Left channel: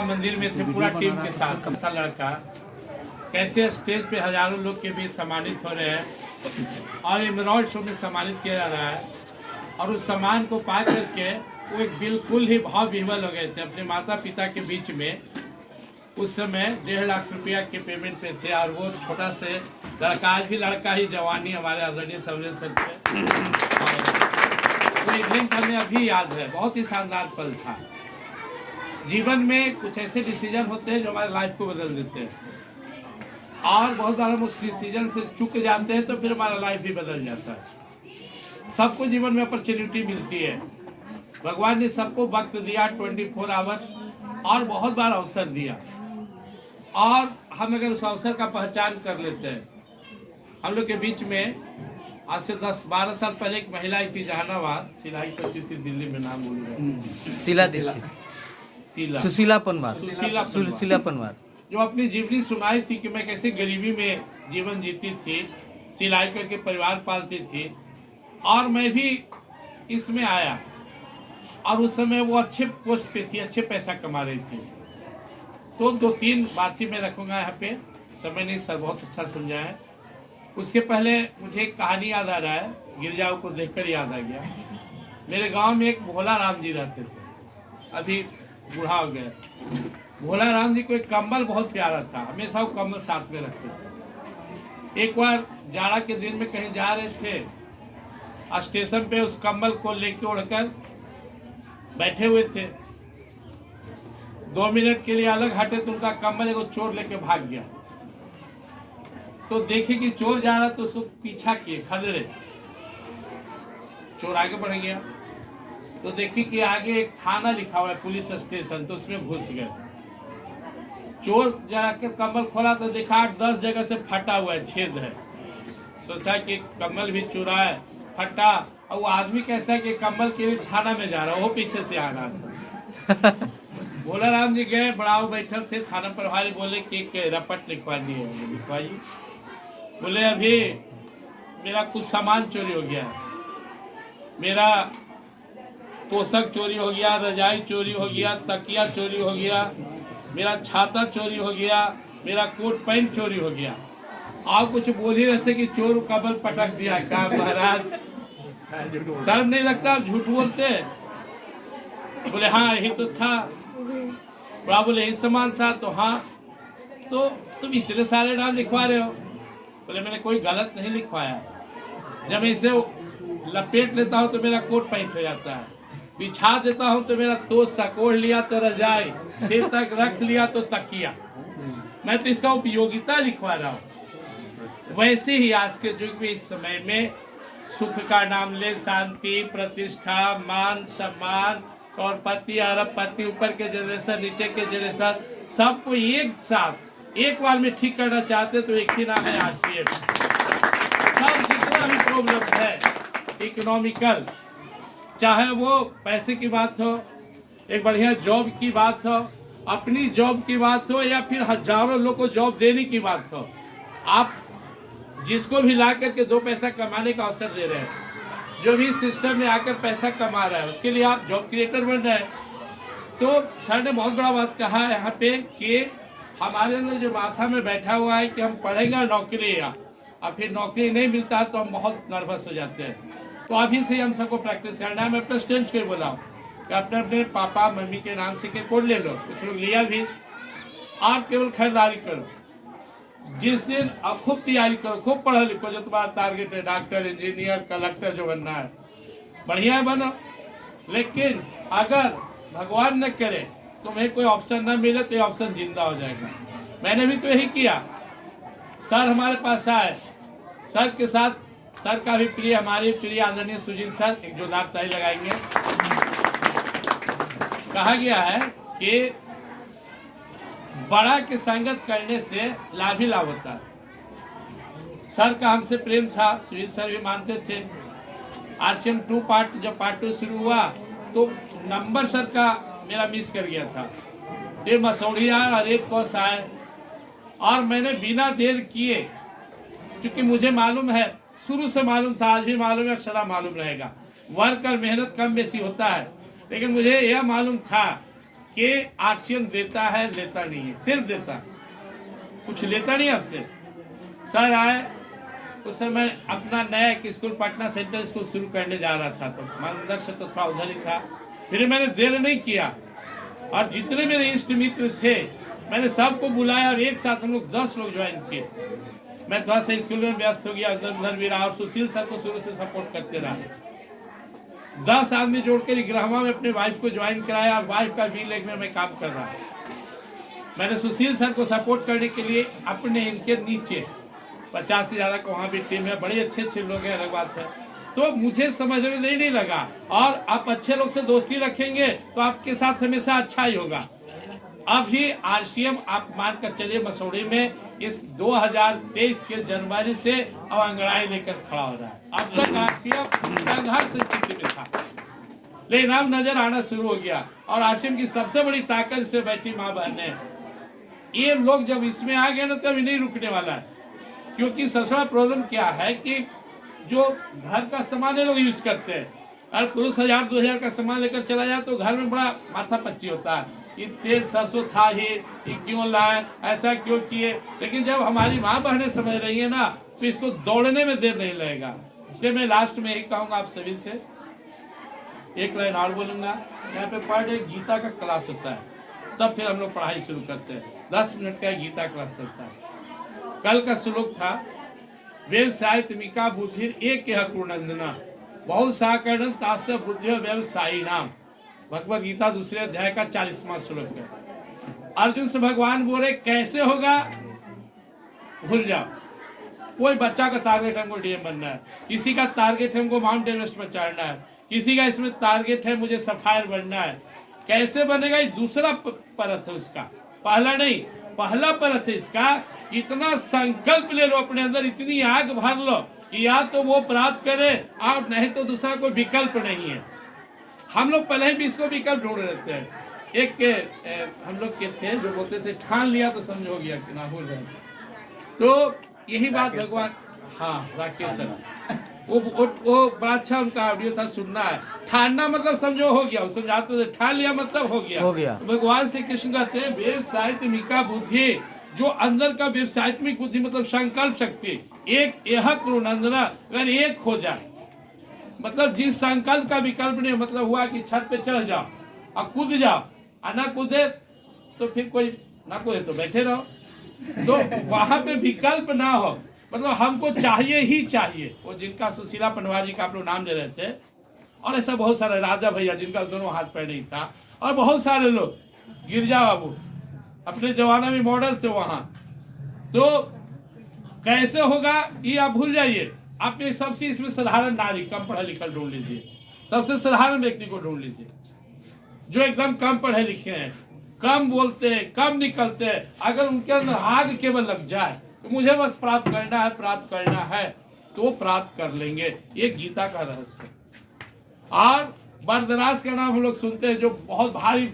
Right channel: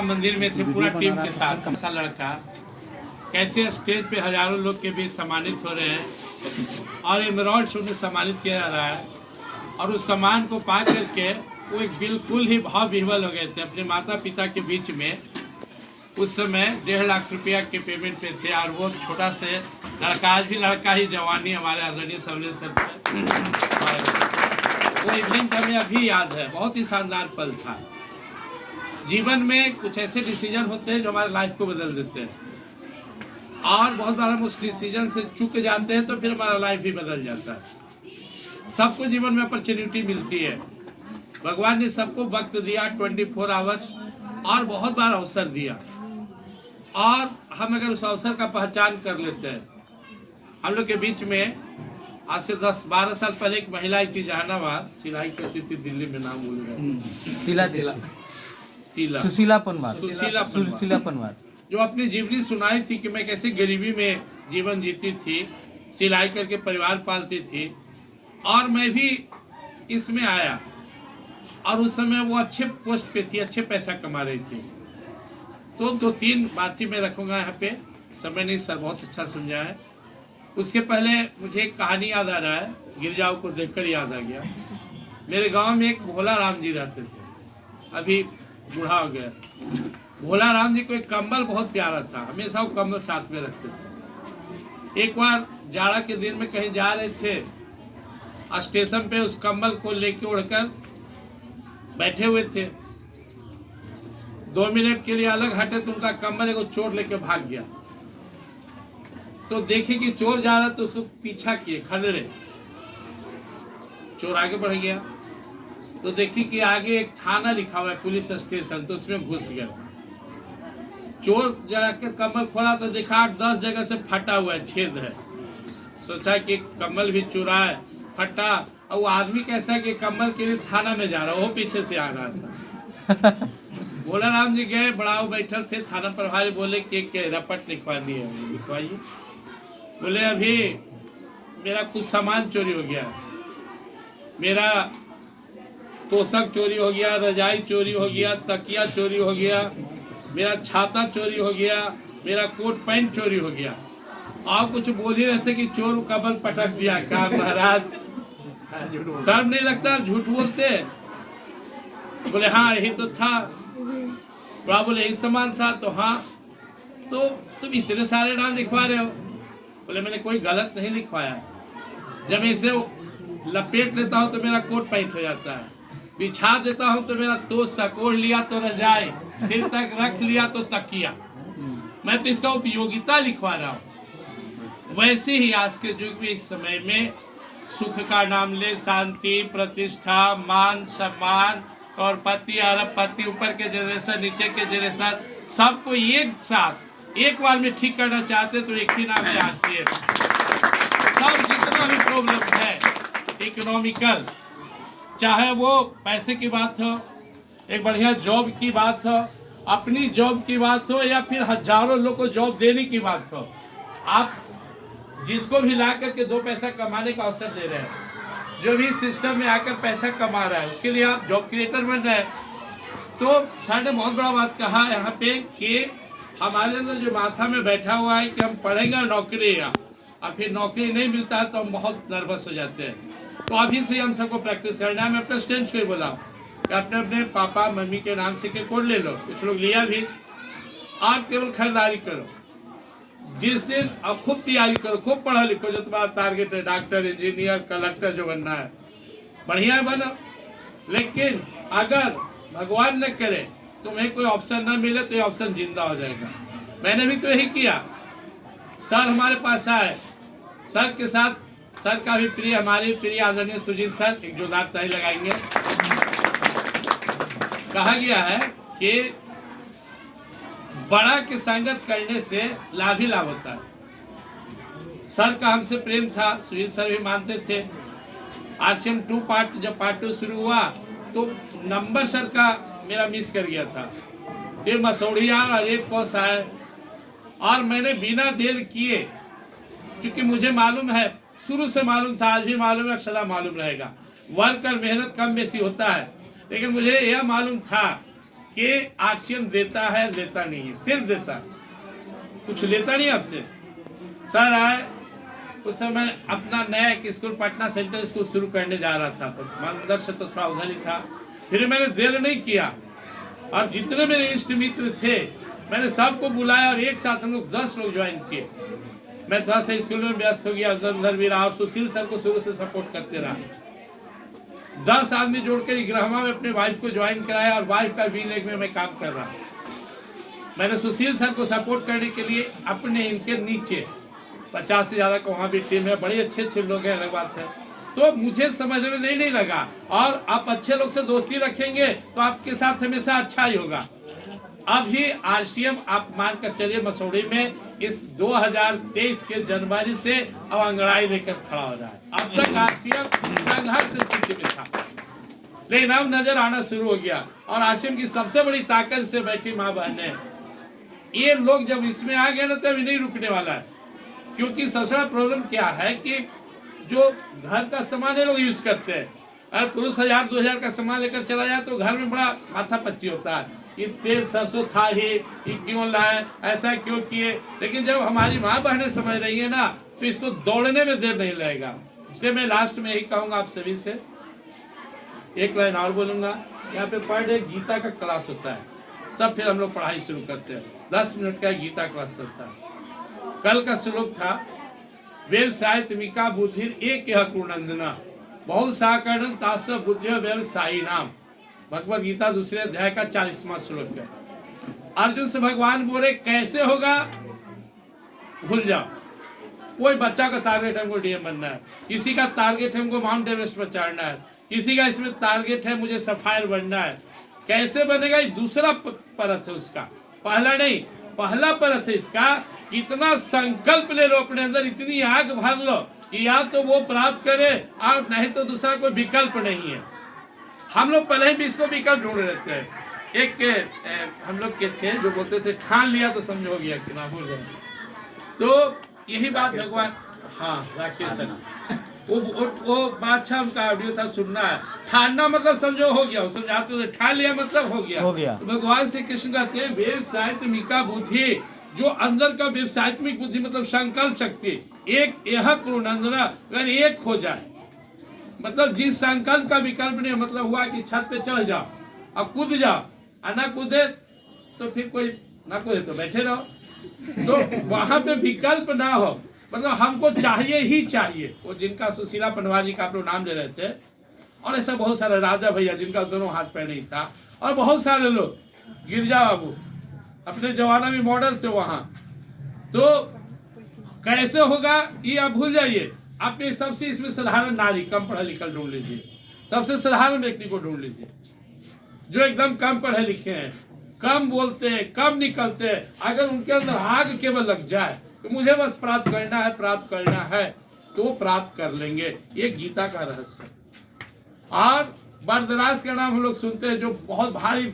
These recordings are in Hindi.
मंदिर में थे पूरा टीम के साथ। ऐसा लड़का कैसे स्टेज पे हजारों लोग के बीच सम्मानित हो रहे हैं और एमराल्ड शो में सम्मानित किया जा रहा है, और उस सम्मान को पा करके वो एक बिल्कुल ही भाव विह्वल हो गए थे अपने माता पिता के बीच में। उस समय 1.5 लाख रुपया के पेमेंट पे थे, और वो छोटा से लड़का, आज भी लड़का ही जवानी हमारे आदरणीय सर्वनेश सर थे। वो इवेंट हमें अभी याद है, बहुत ही शानदार पल था। जीवन में कुछ ऐसे डिसीजन होते हैं जो हमारे लाइफ को बदल देते हैं, और बहुत बार हम उस डिसीजन से चूक जाते हैं तो फिर हमारा लाइफ भी बदल जाता है। सबको जीवन में अपॉर्चुनिटी मिलती है, भगवान ने सबको वक्त दिया 24 आवर्स, और बहुत बार अवसर दिया, और हम अगर उस अवसर का पहचान कर लेते हैं। हम लोग के बीच में आज से 10-12 साल पहले एक महिला आई थी जहानाबाद, सिलाई करती थी, दिल्ली में नाम भूल गए, सुशीला पनवार, जो अपनी जीवनी सुनाई थी कि मैं कैसे गरीबी में जीवन जीती थी, सिलाई करके परिवार पालती थी, और मैं भी इसमें आया, और उस समय वो अच्छे पोस्ट पे थी, अच्छे पैसा कमा रही थी। तो 2-3 बातें मैं रखूंगा यहाँ पे, समय नहीं सर बहुत अच्छा समझा है। उसके पहले मुझे एक कहानी याद आ रहा है, गिरजाओं को देखकर याद आ गया। मेरे गांव में एक भोला राम जी रहते थे, अभी बूढ़ा हो गया। भोला राम जी को एक कंबल बहुत प्यारा था, हमेशा वो कंबल साथ में रखते थे। एक बार जाड़ा के दिन में कहीं जा रहे थे, स्टेशन पे उस कंबल को लेके उड़कर बैठे हुए थे। 2 मिनट के लिए अलग हटे तो उनका कंबल एगो चोर लेके भाग गया। तो देखे कि चोर जा रहा तो उसको पीछा किए, खदेड़े। चोर आगे बढ़ गया तो देखी कि आगे एक थाना लिखा हुआ है, पुलिस स्टेशन, तो उसमें घुस गए। चोर जाकर कम्बल खोला तो देखा 8-10 जगह से फटा हुआ है, छेद है। सोचा कि कम्बल भी चुरा है, फटा, और वो आदमी कैसा कि कम्बल के लिए थाना में जा रहा, वो पीछे से आ रहा था। भोला राम जी गए, बड़ाऊ बैठल थे, थाना प्रभारी बोले कि रपट लिखवा दिए। लिखवाइए। बोले अभी मेरा कुछ सामान चोरी हो गया, मेरा तोशक चोरी हो गया, रजाई चोरी हो गया, तकिया चोरी हो गया, मेरा छाता चोरी हो गया, मेरा कोट पैंट चोरी हो गया। आप कुछ बोल ही रहते कि चोर कबल पटक दिया। क्या महाराज शर्म नहीं लगता, झूठ बोलते? बोले हाँ यही तो था। बड़ा बोले यही सामान था, तो हाँ, तो तुम इतने सारे नाम लिखवा रहे हो? बोले मैंने कोई गलत नहीं लिखवाया, जब इसे लपेट लेता हूँ तो मेरा कोट पैंट हो जाता है, बिछा देता हूँ तो मेरा तोशक, ओढ़ लिया तो रजाई, सिर तक रख लिया तो तकिया। मैं तो इसका उपयोगिता लिखवा रहा हूँ। वैसे ही आज के युग में, इस समय में, सुख का नाम ले, शांति, प्रतिष्ठा, मान सम्मान, और पति अरबपति, ऊपर के जनरेशन, नीचे के जनरेशन, सबको एक साथ एक बार में ठीक करना चाहते तो एक ही नाम है आरसीएस। सब जितना भी प्रॉब्लम है इकोनॉमिकल, चाहे वो पैसे की बात हो, एक बढ़िया जॉब की बात हो, अपनी जॉब की बात हो, या फिर हजारों लोग को जॉब देने की बात हो, आप जिसको भी ला करके 2 पैसा कमाने का अवसर दे रहे हैं, जो भी सिस्टम में आकर पैसा कमा रहा है, उसके लिए आप जॉब क्रिएटर बन रहे हैं। तो सर ने बहुत बड़ा बात कहा यहाँ पे कि हमारे अंदर जो माथा में बैठा हुआ है कि हम पढ़ेंगे नौकरी, और फिर नौकरी नहीं मिलता है तो हम बहुत नर्वस हो जाते हैं। तो अभी से हम सबको प्रैक्टिस करना है। मैं अपने स्टूडेंट्स को बोला कि अपने अपने पापा मम्मी के नाम से के कोड ले लो, कुछ लोग लिया भी, आप केवल खरीदारी करो। जिस दिन अब खूब तैयारी करो, खूब पढ़ो लिखो, जो तुम्हारा टारगेट है, डॉक्टर, इंजीनियर, कलेक्टर जो बनना है, बढ़िया बनो। लेकिन अगर भगवान न करे तुम्हें कोई ऑप्शन न मिले तो ये ऑप्शन जिंदा हो जाएगा। मैंने भी तो यही किया। सर हमारे पास आए, सर के साथ, सर का भी प्रिय, हमारे प्रिय आदरणीय सुजीत सर, एक जोरदार ताली लगाएंगे। कहा गया है कि बड़ा की संगत करने से लाभ ही लाभ होता है। सर का हमसे प्रेम था, सुजीत सर भी मानते थे। आरसीएम 2 पार्ट, जब पार्ट 2 शुरू हुआ तो नंबर सर का मेरा मिस कर गया था। फिर मसौड़िया और रेड क्रॉस आए, और मैंने बिना देर किए, क्योंकि मुझे मालूम है, शुरू से मालूम था, आज भी मालूम है, सदा मालूम रहेगा, वर्क और मेहनत कम बेसी होता है, लेकिन मुझे यह मालूम था कि आरसीएम देता है, लेता नहीं है, सिर्फ देता है, कुछ लेता नहीं आपसे। सर आए, उस समय अपना नया एक स्कूल पटना सेंट्रल स्कूल शुरू करने जा रहा था, तो अंदर से तो थोड़ा उधर ही था। फिर मैंने देर नहीं किया और जितने मेरे इष्ट मित्र थे मैंने सबको बुलाया और एक साथ हम लोग 10 लोग ज्वाइन किए। मैं थोड़ा सा स्कूल में व्यस्त हो गया, उधर उधर भी रहा और सुशील सर को शुरू से सपोर्ट करते रहा। 10 आदमी जोड़कर इग्रामा में अपने वाइफ को ज्वाइन कराया और वाइफ का V-Leg में मैं काम कर रहा। मैंने सुशील सर को सपोर्ट करने के लिए अपने इनके नीचे 50 से ज़्यादा का वहाँ भी टीम है, बड़े अच्छे अच्छे लोग हैं, अलग बात है। तो मुझे समझने में नहीं लगा, और आप अच्छे लोग से दोस्ती रखेंगे तो आपके साथ हमेशा अच्छा ही होगा। अभी आरसीएम आप मानकर चलिए मसौड़ी में इस 2023 के जनवरी से अब अंगड़ाई लेकर खड़ा हो रहा है। अब तक आरसीएम संघर्ष स्थिति में था, लेकिन अब नजर आना शुरू हो गया। और आरसीएम की सबसे बड़ी ताकत से बैठी माँ बहनें, ये लोग जब इसमें आ गए ना तो अभी नहीं रुकने वाला है। क्योंकि सबसे बड़ा प्रॉब्लम क्या है कि जो घर का सामान ये लोग यूज करते हैं, अगर पुरुष 1000-2000 का सामान लेकर चला जाए तो घर में बड़ा माथा पच्ची होता है, ये तेल सरसों था ही, ये क्यों लाए, ऐसा क्यों किए। लेकिन जब हमारी माँ बहनें समझ रही है ना तो इसको दौड़ने में देर नहीं लगेगा। इसलिए मैं लास्ट में यही कहूँगा आप सभी से, एक लाइन और बोलूँगा, यहाँ पे पर डे गीता का क्लास होता है, तब फिर हम लोग पढ़ाई शुरू करते हैं। 10 मिनट का गीता क्लास होता है। कल का श्लोक था, व्यवसाय तुमिका बुद्धि एक कुनंदना बहुत साकरण तास बुद्धि व्यवसायी नाम। भगवद गीता 2 अध्याय का 40वां श्लोक है। अर्जुन से भगवान बोले कैसे होगा, भूल जाओ। कोई बच्चा का टारगेट हमको डीएम बनना है, किसी का टारगेट हमको माउंट एवरेस्ट पर चढ़ना है, किसी का इसमें टारगेट है मुझे सफायर बनना है। कैसे बनेगा, ये दूसरा परत है उसका, पहला नहीं। पहला परत है इसका, इतना संकल्प ले लो अपने अंदर, इतनी आग भर लो कि या तो वो प्राप्त करे और नहीं तो दूसरा कोई विकल्प नहीं है। हम लोग पहले ही भी इसको विकल्प ढूंढ लेते हैं। एक हम लोग के थे जो बोलते थे ठान लिया तो समझ हो गया कि ना भूल गए। तो यही बात भगवान, हाँ राकेश सर, वो बड़ा अच्छा उनका ऑडियो था, सुनना है। ठानना मतलब समझो हो गया, वो समझाते थे ठान लिया मतलब हो गया। तो भगवान श्री कृष्ण कहते हैं व्यवसायत्मिका बुद्धि, जो अंदर का व्यवसायत्मिक बुद्धि मतलब संकल्प शक्ति, एक यह कुनंदना, अगर एक हो जाए मतलब जिस संकल्प का विकल्प नहीं, मतलब हुआ कि छत पे चढ़ जाओ और कूद जाओ, और ना कूदे तो फिर कोई ना कूदे तो बैठे रहो, तो वहां पे विकल्प ना हो, मतलब हमको चाहिए ही चाहिए। वो जिनका सुशीला पनवारी का आप लोग नाम ले रहे थे, और ऐसा बहुत सारे राजा भैया जिनका दोनों हाथ पैर नहीं था, और बहुत सारे लोग, गिरजा बाबू अपने जमाना में मॉडल थे वहां। तो कैसे होगा ये आप भूल जाइए। आप ये सबसे इसमें साधारण नारी, कम पढ़ा लिखा ढूंढ लीजिए, सबसे साधारण व्यक्ति को ढूंढ लीजिए जो एकदम कम पढ़े लिखे हैं, कम बोलते हैं, कम निकलते हैं। अगर उनके अंदर आग केवल लग जाए तो मुझे बस प्राप्त करना है, प्राप्त करना है, तो प्राप्त कर लेंगे। ये गीता का रहस्य है। और बरदराज का नाम हम लोग सुनते हैं, जो बहुत भारी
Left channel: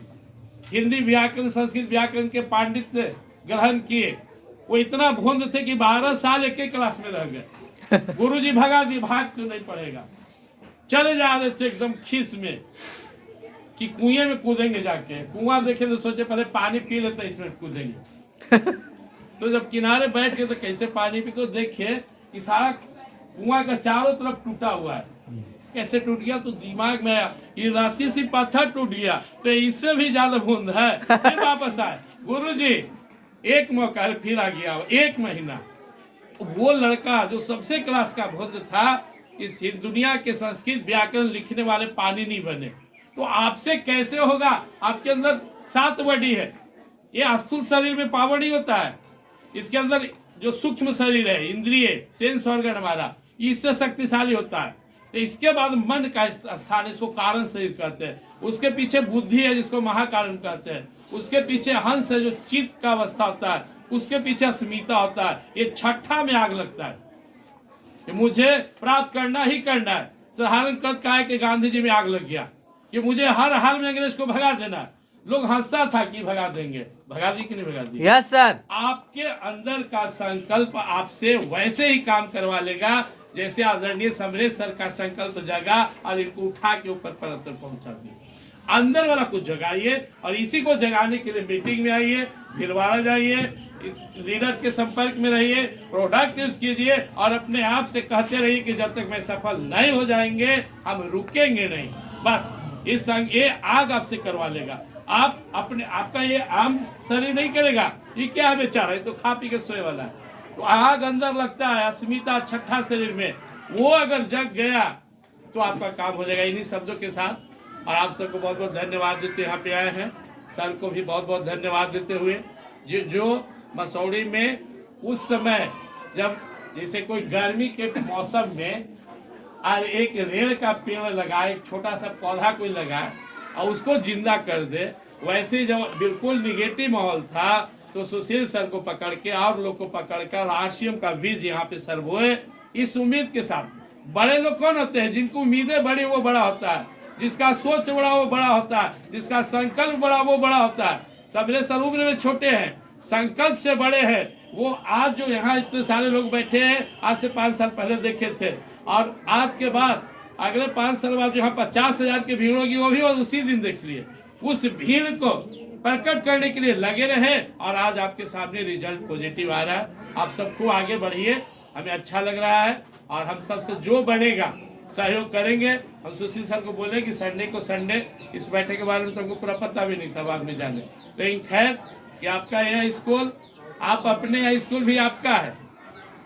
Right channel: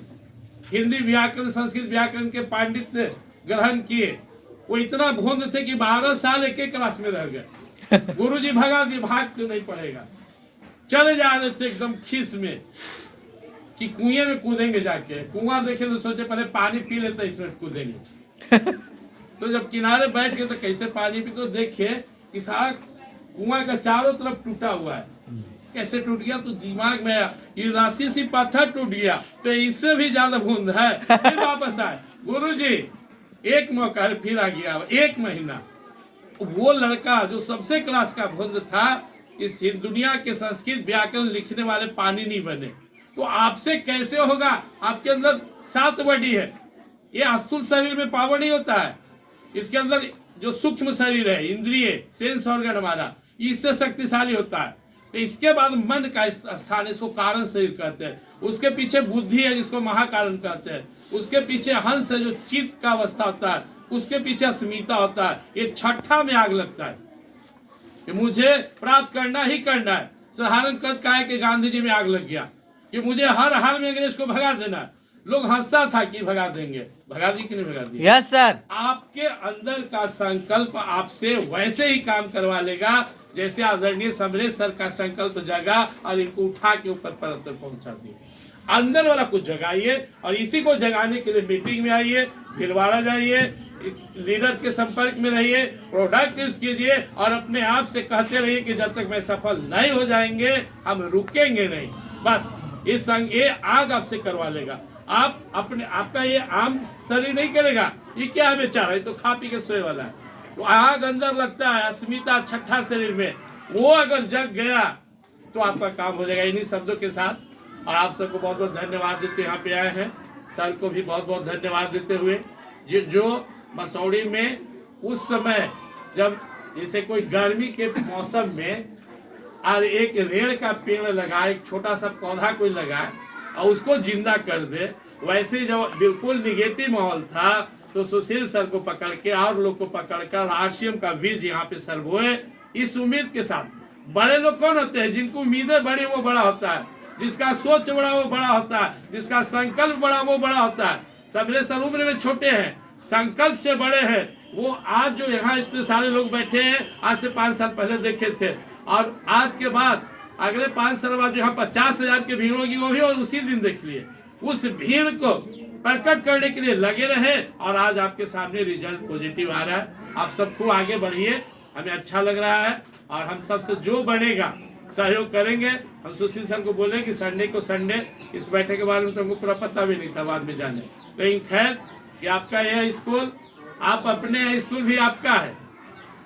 हिंदी व्याकरण संस्कृत व्याकरण के पांडित्य ग्रहण किए। वो इतना भोंद थे कि 12 साल एक क्लास में रह गए। गुरुजी भगा दी, भाग तो नहीं पड़ेगा। चले जा रहे थे एकदम खीस में कि कुएं में कूदेंगे जाके। कुआं देखे तो सोचे पहले पानी पी लेते इसमें कूदेंगे। तो जब किनारे बैठ के तो कैसे पानी पी, तो देखे कि सारा कुआं का चारों तरफ टूटा हुआ है। कैसे टूट गया, तो दिमाग में आया ये राशि सी पत्थर टूट गया तो इससे भी ज्यादा बूंद है। फिर वापस आए, गुरुजी एक मौका है, फिर आ गया 1 महीना। वो लड़का जो सबसे क्लास का बूंद था, इस दुनिया के संस्कृत व्याकरण लिखने वाले पानी नहीं बने। तो आपसे कैसे होगा, आपके अंदर 7 बॉडी है। ये स्थूल शरीर में पावर नहीं होता है, इसके अंदर जो सूक्ष्म शरीर है, इंद्रिय सेंस ऑर्गन हमारा, इससे शक्तिशाली होता है। तो इसके बाद मन का स्थान, इसको कारण शरीर कहते हैं। उसके पीछे बुद्धि है जिसको महाकारण कहते हैं। उसके पीछे हंस है जो चित्त का अवस्था होता है। उसके पीछे अस्मिता होता है। ये छठा में आग लगता है कि मुझे प्राप्त करना ही करना है। साधारण कद का है कि गांधी जी में आग लग गया कि मुझे हर हाल में अंग्रेज को भगा देना है। लोग हंसता था कि भगा देंगे, भगा दी कि नहीं भगा दी? Yes sir. आपके अंदर का संकल्प आपसे वैसे ही काम करवा लेगा जैसे आदरणीय समरेश सर का संकल्प जगा और इनको उठा के ऊपर परत तक पहुंचा दिया। अंदर वाला कुछ जगाइए, और इसी को जगाने के लिए मीटिंग में आइए, भीलवाड़ा जाइए, लीडर के संपर्क में रहिए, प्रोडक्ट यूज कीजिए, और अपने आप से कहते रहिए कि जब तक मैं सफल नहीं हो जाएंगे हम रुकेंगे नहीं। बस ये आग आपसे करवा लेगा। आप अपने आपका ये आम शरीर नहीं करेगा, ये क्या है बेचारा, ये तो खा पी के सोए वाला है। तो आग अंदर लगता है, अस्मिता छठा शरीर में, वो अगर जग गया तो आपका काम हो जाएगा। इन्हीं शब्दों के साथ और आप सबको बहुत बहुत धन्यवाद देते यहाँ पे आए हैं, सर को भी बहुत बहुत धन्यवाद देते हुए, जो मसौड़ी में उस समय जब जैसे कोई गर्मी के मौसम में और एक रेड़ का पेड़ लगाए, एक छोटा सा पौधा कोई लगाए और उसको जिंदा कर दे, वैसे ही जब बिल्कुल निगेटिव माहौल था तो सुशील सर को पकड़ के और लोग को पकड़कर आरसीएम का बीज यहाँ पे सर बोए, इस उम्मीद के साथ। बड़े लोग कौन होते हैं? जिनको उम्मीदें बड़ी वो बड़ा होता है, जिसका सोच बड़ा वो बड़ा होता है, जिसका संकल्प बड़ा वो बड़ा होता है। सबरे सर उम्र में छोटे हैं, संकल्प से बड़े हैं। वो आज जो यहाँ इतने सारे लोग बैठे हैं, आज से 5 साल पहले देखे थे, और आज के बाद अगले 5 साल बाद जो यहाँ 50,000 की भीड़ होगी वो भी उसी दिन देख लिए। उस भीड़ को प्रकट करने के लिए लगे रहे, और आज आपके सामने रिजल्ट पॉजिटिव आ रहा है। आप सब खूब आगे बढ़िए, हमें अच्छा लग रहा है, और हम सबसे जो बनेगा सहयोग करेंगे। हम सुशील सर को बोले कि संडे को संडे, इस बैठक के बारे में तो हमको पूरा पता भी नहीं था, बाद में जाने। लेकिन खैर कि आपका यह स्कूल, आप अपने यह स्कूल भी आपका है,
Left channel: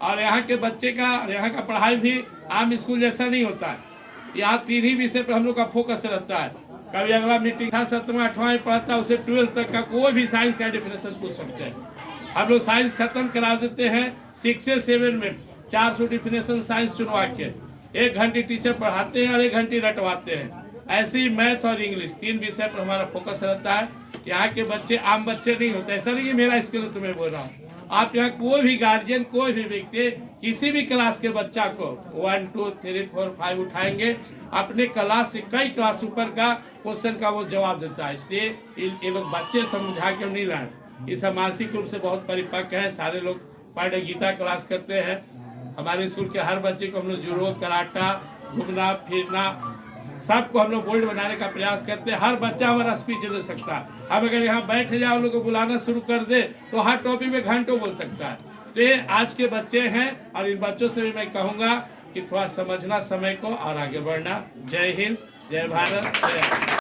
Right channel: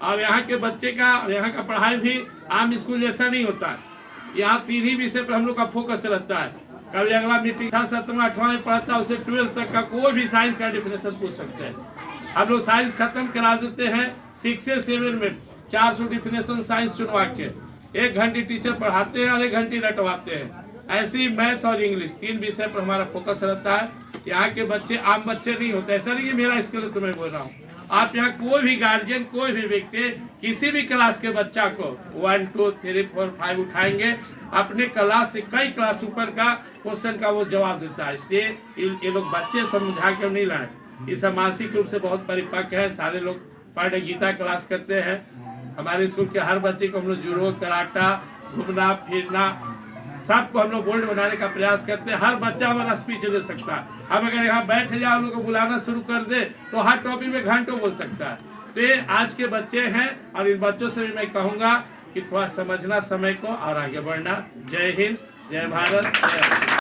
और यहाँ के बच्चे का, यहाँ का पढ़ाई भी आम स्कूल जैसा नहीं होता है। यहाँ 3 ही विषय पर हम लोग का फोकस रहता है। कभी अगला मीटिंग था 7वां 8वां में पढ़ता है, उसे 12th तक का कोई भी साइंस का डेफिनेशन पूछ सकते हैं। हम लोग साइंस खत्म करा देते हैं 6 से 7 में, 400 डेफिनेशन साइंस चुनवा के 1 घंटे टीचर पढ़ाते हैं और 1 घंटे रटवाते हैं। ऐसे ही मैथ और इंग्लिश 3 विषय पर हमारा फोकस रहता है। यहाँ के बच्चे आम बच्चे नहीं होते, ऐसा नहीं कि मेरा स्कूल है तो मैं बोल रहा हूँ। आप यहाँ कोई भी गार्जियन, कोई भी व्यक्ति किसी भी क्लास के बच्चा को 1 2 3 4 5 उठाएंगे, अपने क्लास से कई क्लास ऊपर का क्वेश्चन का वो जवाब देता है। इसलिए ये लोग बच्चे समझा कर नहीं लाए, इस मानसिक रूप से बहुत परिपक्व है। सारे लोग पढ़ गीता क्लास करते हैं। हमारे स्कूल के हर बच्चे को हम लोग जुड़ो, कराटा, घूमना फिरना, सबको हम लोग बोल्ड बनाने का प्रयास करते हैं। हर बच्चा हमारा स्पीच दे सकता है। हम अगर यहाँ बैठ जाए, हम लोग को बुलाना शुरू कर दे तो हर टॉपिक में घंटों बोल सकता है। तो ये आज के बच्चे हैं, और इन बच्चों से भी मैं कहूँगा कि थोड़ा समझना समय को और आगे बढ़ना। जय हिंद, जय भारत, जय।